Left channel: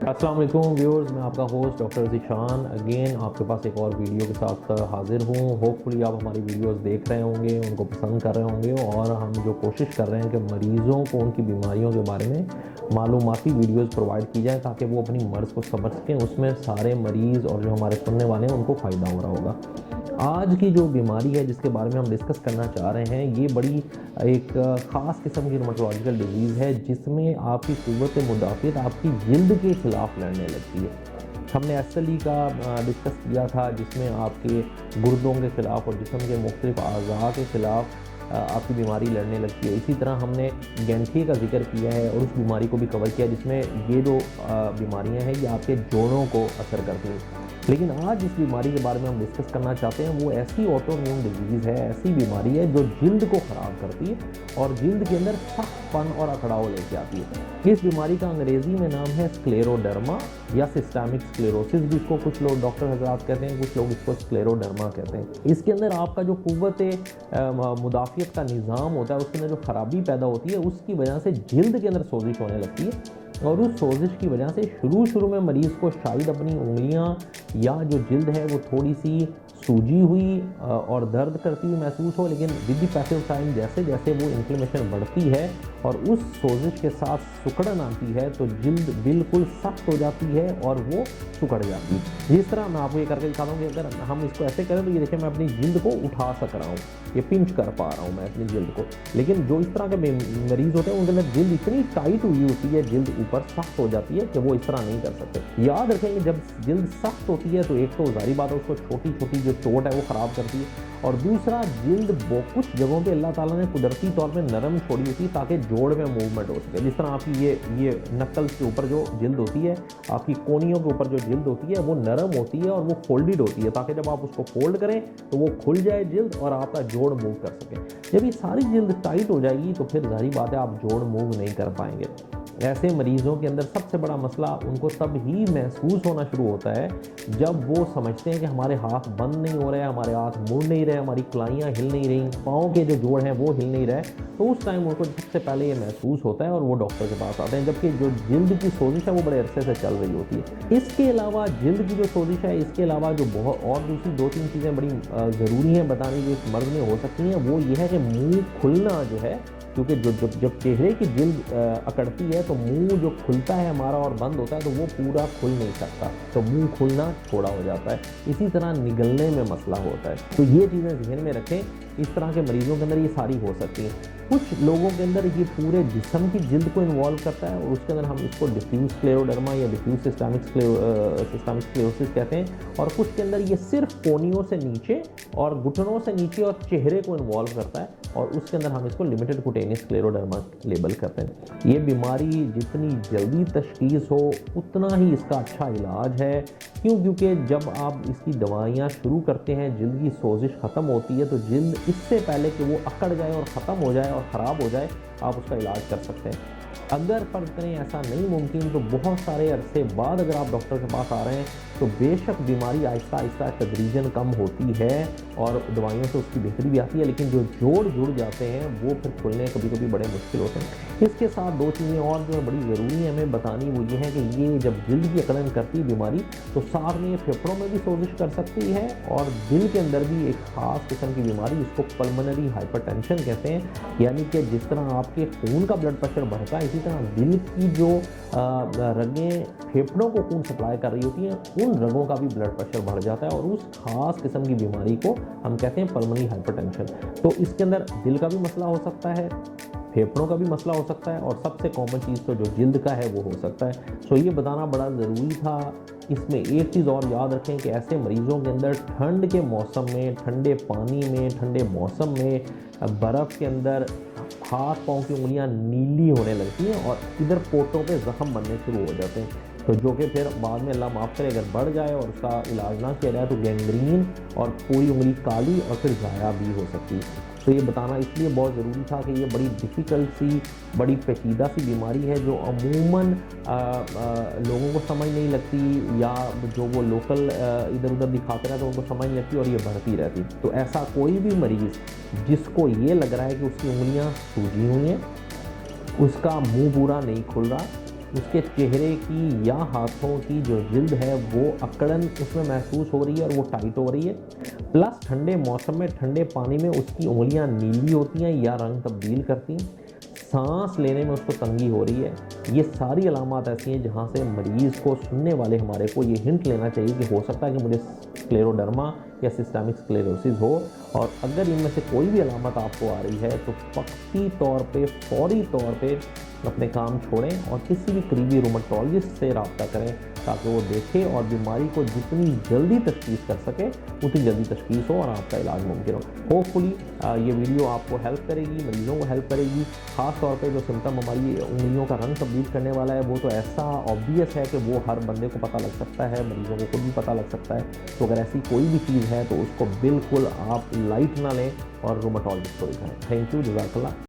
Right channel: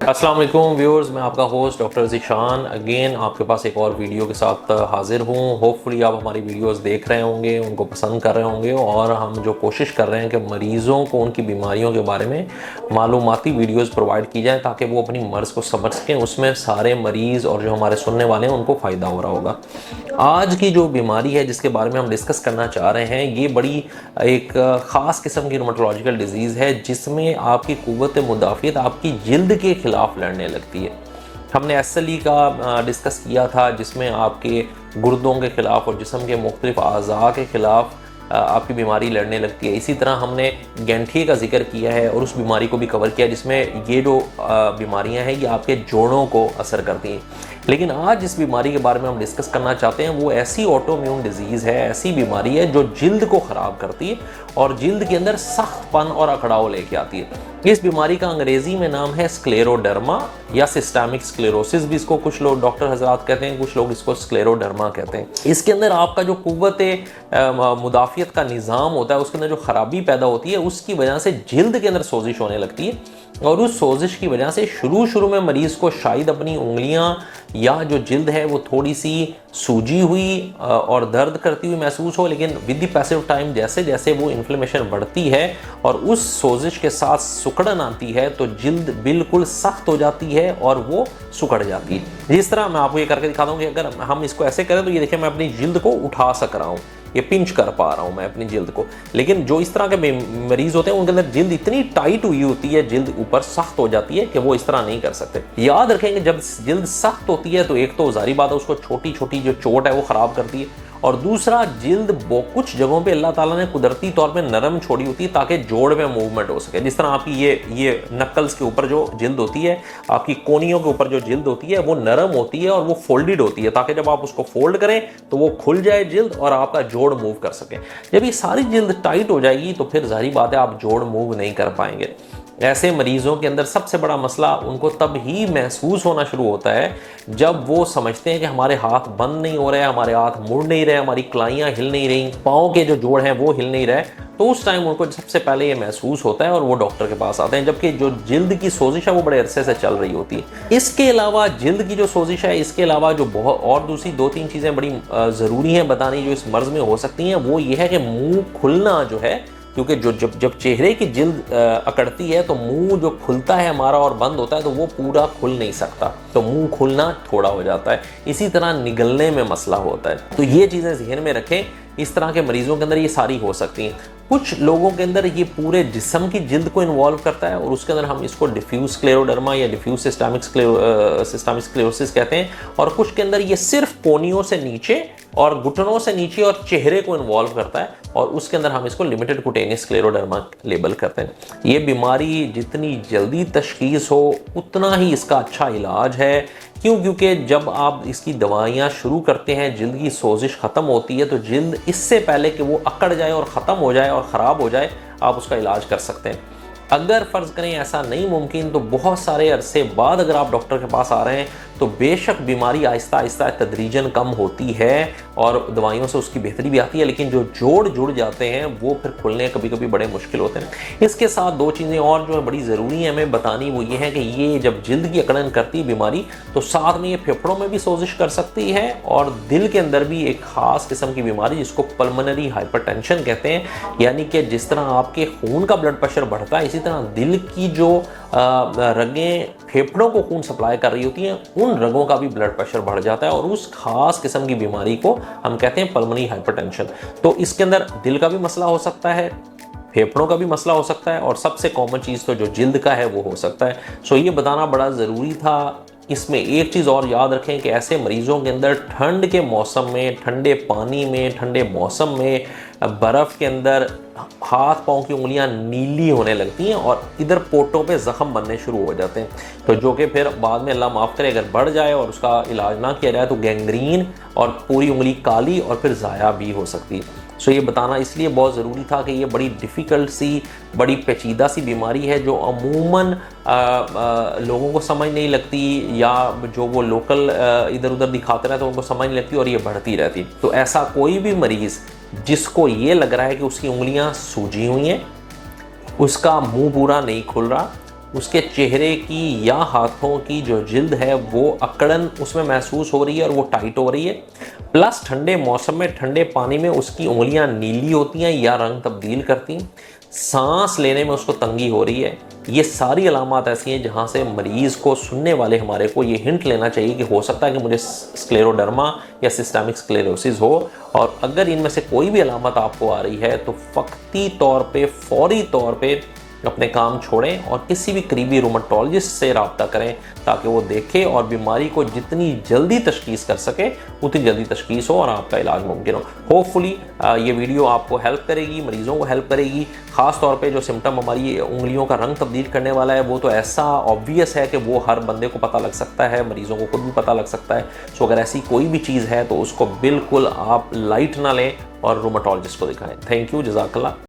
अस्सलाम वालेकुम व्यूअर्स, मैं आपका होस्ट डॉक्टर ज़ीशान अगेन आपके पास एक और वीडियो के साथ हाजिर हूँ। होपफुली आप हमारी वीडियोस देख रहे होंगे, उनको पसंद कर रहे होंगे और हम जो कोशिश कर रहे हैं कि मरीज़ों को उनकी बीमारियों के बारे में मालूमाती वीडियोस प्रोवाइड की जाए ताकि वो अपनी मर्ज़ को समझ सकें। उसमें सारे मरीज़ और जो हमारे सुनने वाले हैं उनको फ़ायदा हो रहा होगा। आज की जो बीमारी है जिसके बारे में हम डिस्कस करना चाह रहे हैं, ये बड़ी एक ख़ास किस्म की रूमेटोलॉजिकल डिजीज़ है जिसमें आपकी क़ुव्वत मुदाफ़ियत आपकी जिल्द के ख़िलाफ़ लड़ने लगती है। हमने एसएलई का डिस्कस किया था जिसमें आपके गुर्दों के ख़िलाफ़ और जिस्म के मुख्तलिफ़ अज़ा के ख़िलाफ़ आपकी बीमारी लड़ने लगती है। इसी तरह हमने गैंठिए का जिक्र किया है और उस बीमारी को भी कवर किया जिसमें ये जो बीमारियां हैं ये आपके जोड़ों को असर करती हैं। लेकिन आज जिस बीमारी के बारे में हम डिस्कस करना चाहते हैं वो ऐसी ऑटोइम्यून डिजीज़ है, ऐसी बीमारी है जो जिल्द को ख़राब करती है और जिल्द के अंदर सख्तपन और अकड़ाव लेके आती है। इस बीमारी का अंग्रेज़ी में नाम है स्क्लेरोडर्मा या सिस्टेमिक स्क्लेरोसिस भी इसको कुछ लोग डॉक्टर हजरात कहते हैं, कुछ लोग इसको स्क्लेरोडर्मा कहते हैं। इसके अंदर आपका जो क़ुव्वत मुदाफ़ियत का निज़ाम होता है उसके अंदर जो ख़राबी पैदा होती है उसकी वजह से जिल्द के अंदर सोजिश होने लगती है और उस सोजिश की वजह से शुरू में मरीज़ को शायद अपनी उंगलियां या जो जिल्द है वो थोड़ी सी सूजी हुई और दर्द करती हुई महसूस हो, लेकिन विद द पैसिव टाइम जैसे जैसे वो इन्फ्लेमेशन बढ़ती है और उस सोजिश के साथ सुकड़न आती है तो जिल्द बिल्कुल सख्त हो जाती है और वो सुकड़ जाती है। जिस तरह मैं आपको ये करके दिखाता हूँ कि अगर हम इसको ऐसे करें तो ये देखिए मैं अपनी जिल्द को उठा सक रहा हूँ, ये पिंच कर पा रहा हूँ मैं अपनी जिल्द को। लेकिन जो इस तरह के मरीज होते हैं उनके अंदर जिल्द इतनी टाइट हुई होती है, जिल्द ऊपर सख्त हो जाती है कि वो इस तरह नहीं कर सकते। याद रखेंगे जब जिल्द सख्त होती है तो एक तो जारी बात है उसको छोटी छोटी जो चोट है वो ख़राब करती है और दूसरा जिल्द कुछ जगहों पे अल्लाह ताला ने कुदरती तौर पे नरम छोड़ी होती है ताकि जोड़ में मूवमेंट हो सके। जिस तरह आपकी ये नक्कल्स के ऊपर जो जिल्द होती है, आपकी कोनियों के ऊपर जो जिल्द होती है वो नरम होती है और वो फोल्डेड होती है ताकि जब आप उसको फोल्ड करें तो वो खुल जाए जिल्द और आपका जोड़ मूव कर सके। जब ये सारी जिल्द टाइट हो जाएगी तो फिर जाहिर बात है आप जोड़ मूव नहीं कर पाएंगे। ऐसे मरीज़ों के अंदर सबसे बड़ा मसला उनको तब ही महसूस होना शुरू होता है जब वो समझते हैं कि हमारे हाथ बंद नहीं हो रहे, हमारे हाथ मुड़ नहीं रहे, हमारी कलाइयाँ हिल नहीं रही, पाँव के जो जोड़ हैं वो हिल नहीं रहे। तो उस टाइम उनको सबसे पहले ये महसूस होता है और वो डॉक्टर के पास आते हैं, जबकि जो जिल्द की सोजिश है वो बड़े अरसे से चल रही होती है। इसके अलावा जिल्द की जो सोजिश है, इसके अलावा जो बहुत और दूसरी 2-3 चीज़ें बड़ी ज़रूरी हैं बतानी जो इस मर्ज़ में हो सकती हैं, वो ये है कि मुँह खुलना जो है, क्योंकि जो जब चेहरे की जिल्द अकड़ती है तो मुंह जो खुलता है हमारा और बंद होता है तो वो पूरा खुल नहीं सकता, तो मुंह खुलना थोड़ा हो जाता है। इसी तरह निगलने में मसला होता है। तो ये चीज़ें ज़हन में रखें, इस तरह के मरीज़ों के अंदर ये सारी हो सकती हैं। कुछ लोगों के अंदर ये पूरे जिस्म की जिल्द को इन्वॉल्व करता है और उसके अंदर हम इसको डिफ्यूज स्क्लेरोडर्मा या डिफ्यूज सिस्टेमिक स्क्लेरोसिस कहते हैं। और कुछ के अंदर ये सिर्फ कोनियों से नीचे और घुटनों से नीचे और चेहरे को इन्वॉल्व करता है और उसके अंदर हम इसको लिमिटेड कुटेनियस स्क्लेरोडर्मा लेबल करते हैं। ये बीमारी जितनी जल्दी तशखीस हो उतना ही इसका अच्छा इलाज है। क्यों? क्योंकि जब आप इसकी दवाइयाँ शुरू करते हैं जिल्द की सोजिश ख़त्म होती है तो जिल्द इससे पहले कि वो अकड़ जाए और ख़त्म हो जाए और ख़राब हो जाए आप उसका इलाज कर सकते हैं। अगर फ़र्ज़ करें ऐसा नहीं मुमकिन तो बहुत सारे अरसे बाद अगर आप डॉक्टर के पास आ रहे हैं तो बेशक बीमारी आहिस्ता आहिस्ता तदरीजन कम होती है और दवाइयों से उसकी बेहतरी भी आती है, लेकिन जो जोड़ जुड़ जाते हैं वो फिर खुलने कभी कभी बड़े मुश्किल होते हैं। इसके साथ 2 चीज़ें और जो है बड़ी ज़रूरी है हमें बतानी, वो ये है कि ये जब जिल्द की अकड़न करती है बीमारी तो साथ में ये फेफड़ों में भी सोजिश कर सकती है और दिल के अंदर भी एक ख़ास किस्म की बीमारी जिसको पल्मोनरी हाइपरटेंशन कहते हैं। यानी कि जिस तरह आपके खून का ब्लड प्रेशर बढ़ता है इसी तरह दिल की जो रगें फेफड़ों को खून सप्लाई कर रही होती हैं उन रगों का भी ब्लड प्रेशर बढ़ जाता है और उस खास किस्म की बीमारी को हम कहते हैं पल्मोनरी हाइपरटेंशन। तो इसके अंदर दिल का भी मसला हो सकता है, फेफड़ों का भी मसला हो सकता है और सबसे कॉमन चीज़ तो जो जिल्द का है वो हो सकता है। सो ये बताना बड़ा ज़रूरी था। इसमें एक चीज़ और याद रखें कि ऐसे मरीज़ों के अंदर ठंड के मौसम में, ठंडे पानी में, ठंडे मौसम में, बर्फ़ के अंदर हाथ पाँव की उंगलियां नीली होने लगती हैं और इधर पोटों पे ज़ख़म बनने शुरू हो जाते हैं, तो जो कि फिर बाद में अल्लाह माफ़ करे अगर बढ़ जाए और उसका इलाज ना किया जाए तो गैंग्रीन और पूरी उंगली काली और फिर ज़ाया भी हो सकती है। सो ये बताना इसलिए बहुत ज़रूरी था कि ये बड़ी डिफ़िकल्ट सी, बड़ी पेचीदा सी बीमारी है जो अमूमन लोगों को समझ नहीं लगती या जो वो लोकल इधर उधर दिखाते रहते हैं उनको समझ नहीं लगती और ये बढ़ती रहती। तो ऐसा कोई भी मरीज़ जिसको ये लग रहा है कि उसकी उंगलियां सूजी हुई हैं, उसका मुंह पूरा नहीं खुल रहा, उसके चेहरे की या हाथों की जो जिल्द है वो अकड़न उसमें महसूस हो रही है और वो टाइट हो रही है। प्लस ठंडे मौसम में ठंडे पानी में उसकी उंगलियां नीली होती हैं या रंग तब्दील करती हैं। सांस लेने में उसको तंगी हो रही है। ये सारी अलामात ऐसी हैं जहाँ से मरीज़ को, सुनने वाले हमारे को ये हिंट लेना चाहिए कि हो सकता है कि मुझे स्क्लेरोडर्मा या सिस्टेमिक स्क्लेरोसिस हो। और अगर इनमें से कोई भी अलामत आपको आ रही है तो वक्ती तौर पे, फौरी तौर पे अपने काम छोड़ें और किसी भी करीबी रूमेटोलॉजिस्ट से रब्ता करें ताकि वो देखे और बीमारी को जितनी जल्दी तशखीस कर सके उतनी जल्दी तशखीस हो और आपका इलाज मुमकिन हो। होपफुली ये वीडियो आपको हेल्प करेगी, मरीज़ों को हेल्प करेगी। ख़ास तौर पे जो सिम्टम हमारी उंगलियों का रंग तब्दील करने वाला है वो तो ऐसा ऑब्वियस है कि वो हर बंदे को पता लग सकता है, मरीज़ों को खुद भी पता लग सकता है। सो अगर ऐसी कोई भी चीज़ है तो उसको बिल्कुल आप लाइट ना लें और रूमेटोलॉजिस्ट को दिखाएं। थैंक यू, जज़ाकल्लाह।